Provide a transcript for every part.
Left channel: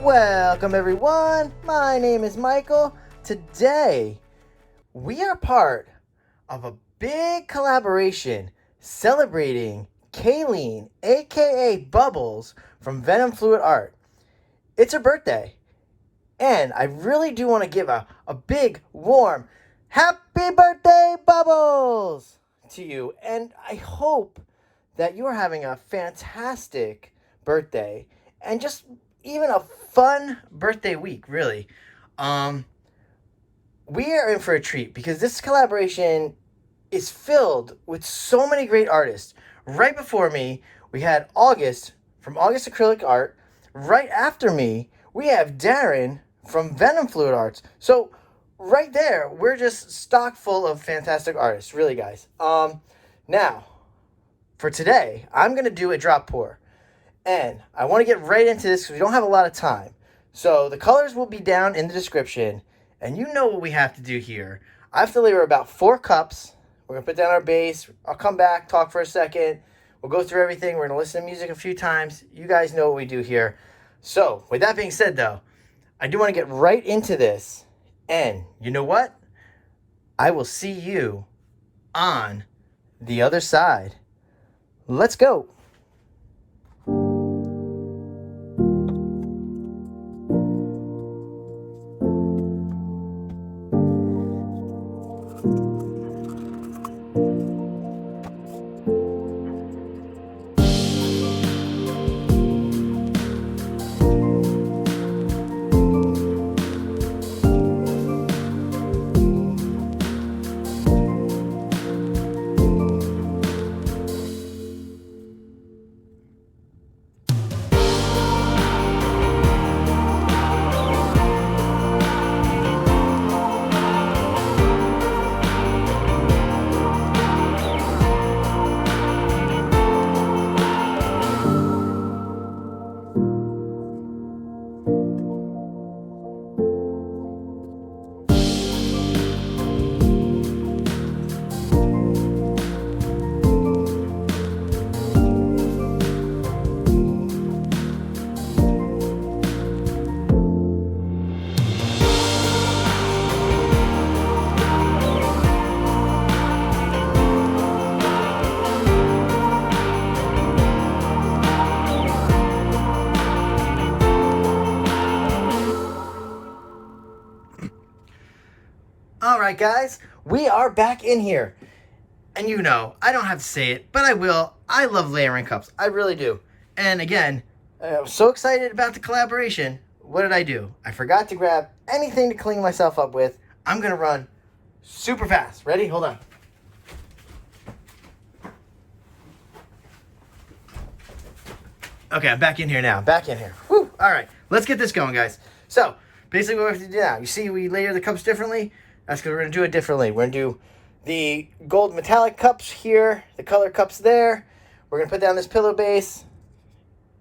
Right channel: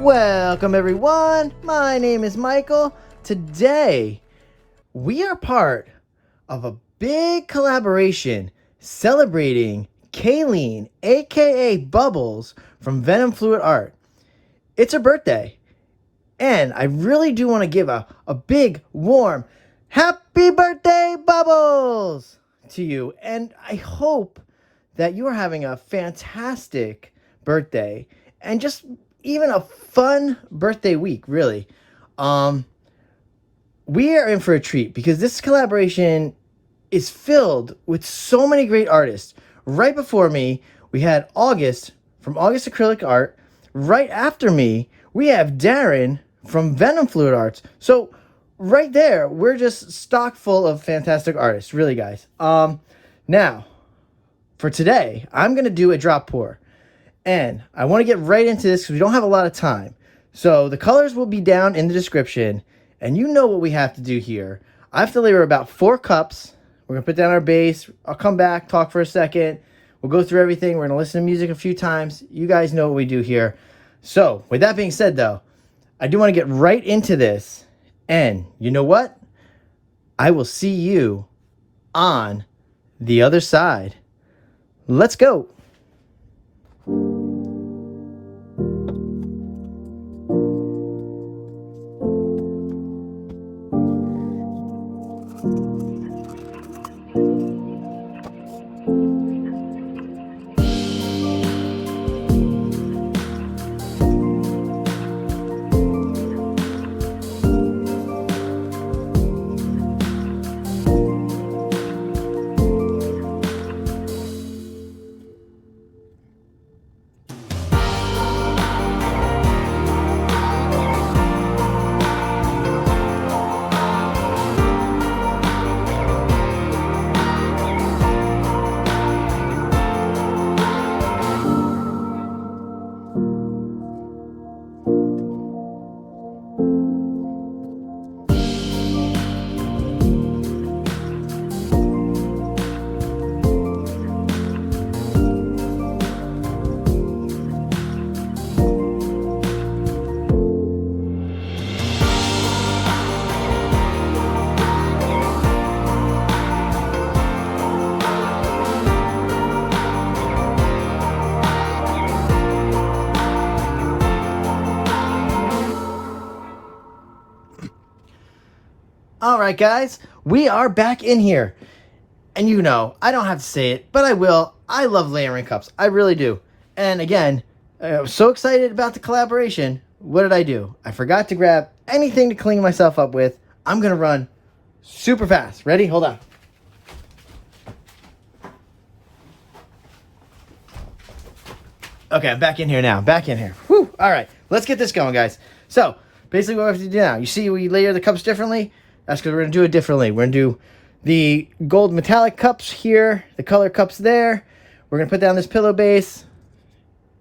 Welcome everyone, my name is Michael. Today, we are part of a big collaboration celebrating Kayleen, aka Bubbles, from Venom Fluid Art. It's her birthday, and I really do want to give a big, warm, happy birthday, Bubbles, to you. And I hope that you are having a fantastic birthday, and just even a fun birthday week, really. We are in for a treat because this collaboration is filled with so many great artists. Right before me, we had August from August Acrylic Art. Right after me, we have Darren from Venom Fluid Arts. So right there, we're just stock full of fantastic artists, really, guys. Now, for today, I'm gonna do a drop pour. And I want to get right into this because we don't have a lot of time. So the colors will be down in the description. And you know what we have to do here. I have to layer about 4 cups. We're going to put down our base. I'll come back, talk for a second. We'll go through everything. We're going to listen to music a few times. You guys know what we do here. So with that being said, though, I do want to get right into this. And you know what? I will see you on the other side. Let's go. Alright guys, we are back in here. And you know, I don't have to say it, but I will. I love layering cups. I really do. And again, I was so excited about the collaboration. What did I do? I forgot to grab anything to clean myself up with. I'm going to run super fast. Ready? Hold on. Okay, I'm back in here now. Back in here. Whew. Alright, let's get this going, guys. So, basically what we have to do now, you see we layer the cups differently? That's because we're going to do it differently. We're going to do the gold metallic cups here, the color cups there. We're going to put down this pillow base.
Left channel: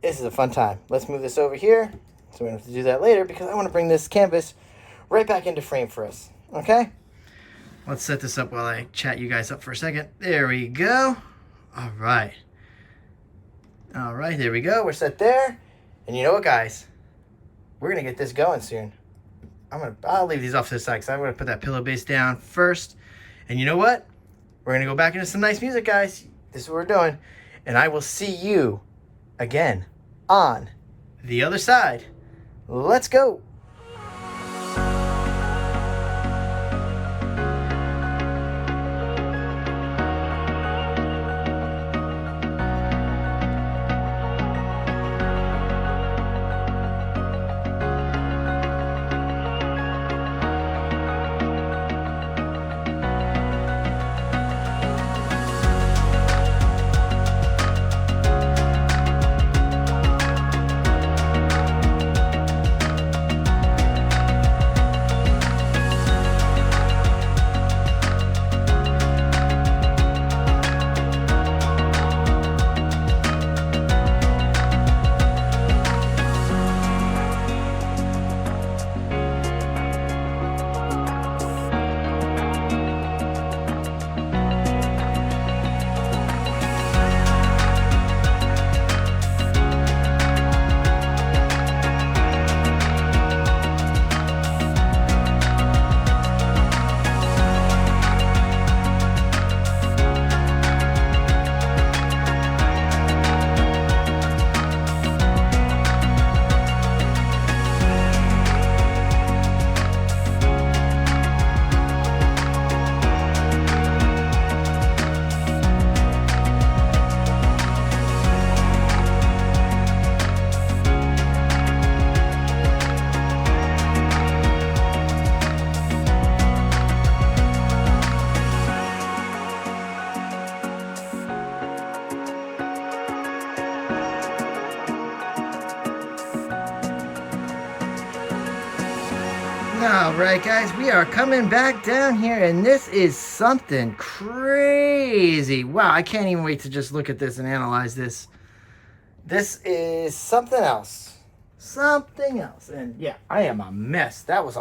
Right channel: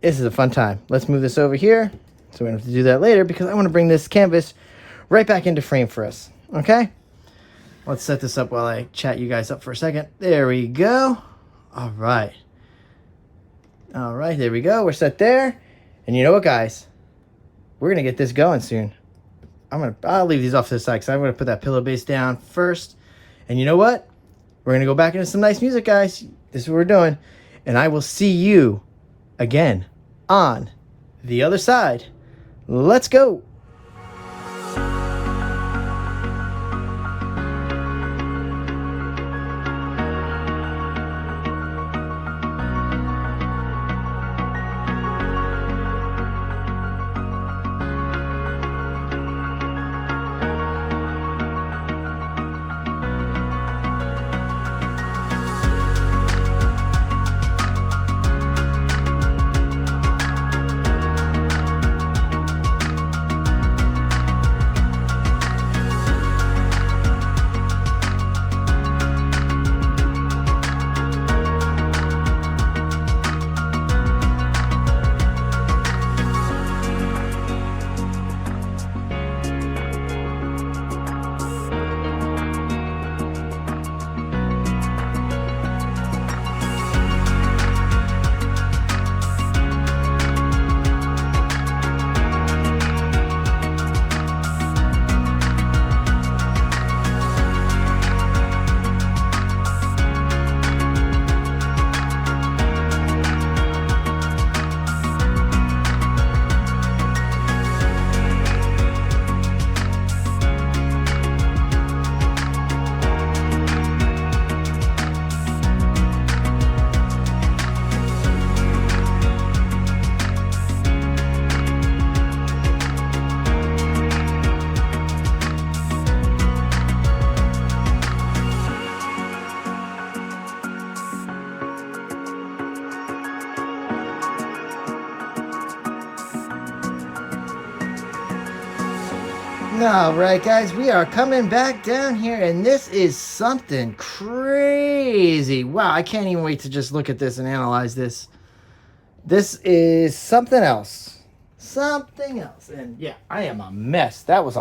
This is a fun time. Let's move this over here. So we're going to have to do that later because I want to bring this canvas right back into frame for us. Okay? Let's set this up while I chat you guys up for a second. There we go. All right. All right, there we go. We're set there. And you know what, guys? We're going to get this going soon. I'll leave these off to the side because I'm going to put that pillow base down first. And you know what? We're going to go back into some nice music, guys. This is what we're doing. And I will see you again on the other side. Let's go. All right, guys, we are coming back down here, and this is something crazy. Wow, I can't even wait to just look at this and analyze this. This is something else. Something else. And yeah, I am a mess. That was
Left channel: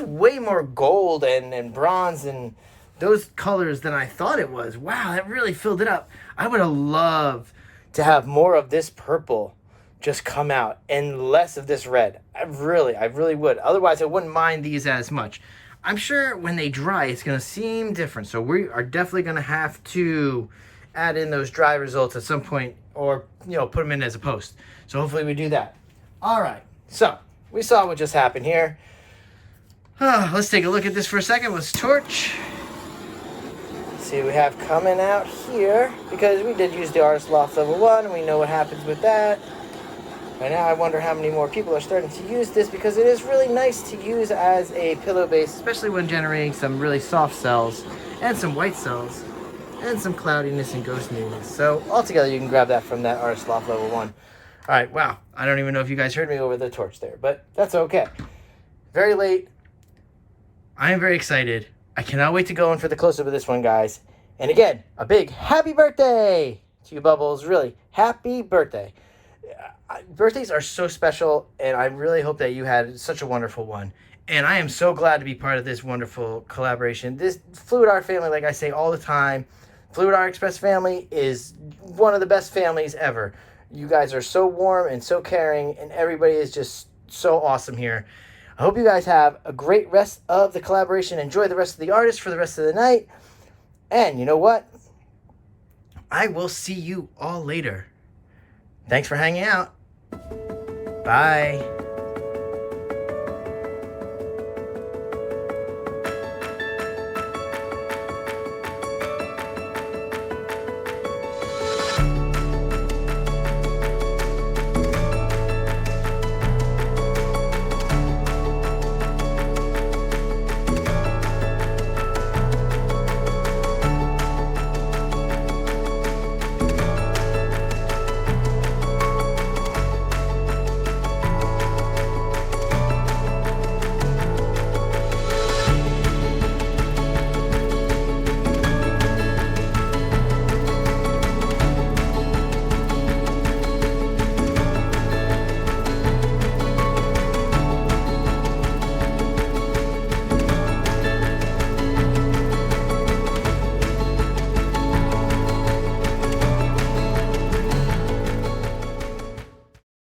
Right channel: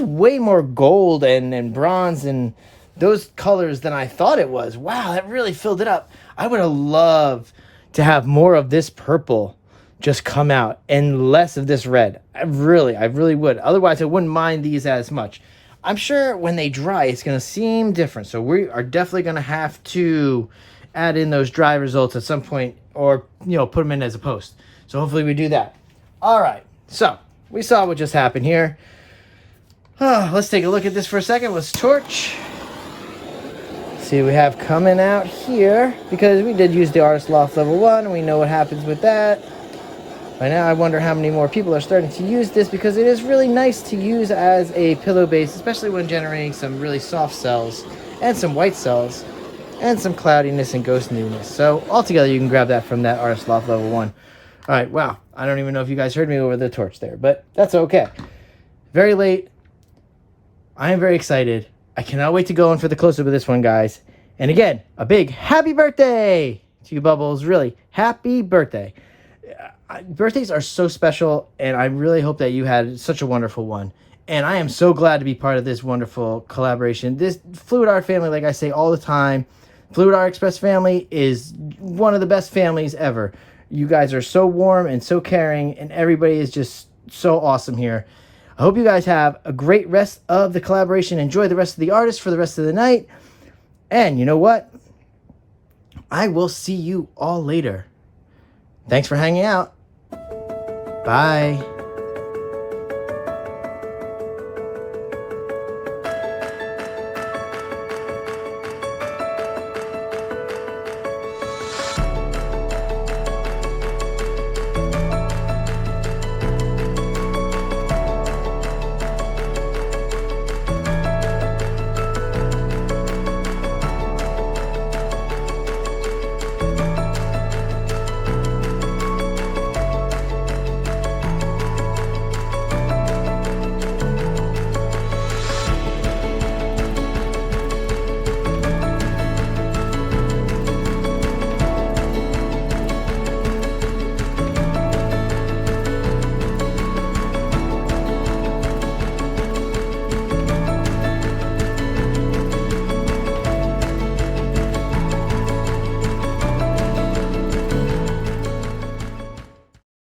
way more gold and bronze and those colors than I thought it was. Wow, that really filled it up. I would have loved to have more of this purple just come out and less of this red. I really would. Otherwise, I wouldn't mind these as much. I'm sure when they dry, it's going to seem different. So we are definitely going to have to add in those dry results at some point, or, you know, put them in as a post. So hopefully we do that. All right. So we saw what just happened here. Let's take a look at this for a second. Let's torch. See what we have coming out here, because we did use the Artist Loft level 1. We know what happens with that. By now, I wonder how many more people are starting to use this, because it is really nice to use as a pillow base, especially when generating some really soft cells and some white cells and some cloudiness and ghost newness. So altogether, you can grab that from that Artist Loft level 1. All right, wow. I don't even know if you guys heard me over the torch there, but that's okay. Very late. I am very excited. I cannot wait to go in for the close-up of this one, guys. And again, a big happy birthday to you, Bubbles. Really, happy birthday. Birthdays are so special, and I really hope that you had such a wonderful one. And I am so glad to be part of this wonderful collaboration. This Fluid Art family, like I say all the time, Fluid Art Express family is one of the best families ever. You guys are so warm and so caring, and everybody is just so awesome here. I hope you guys have a great rest of the collaboration. Enjoy the rest of the artists for the rest of the night. And you know what? I will see you all later. Thanks for hanging out. Bye.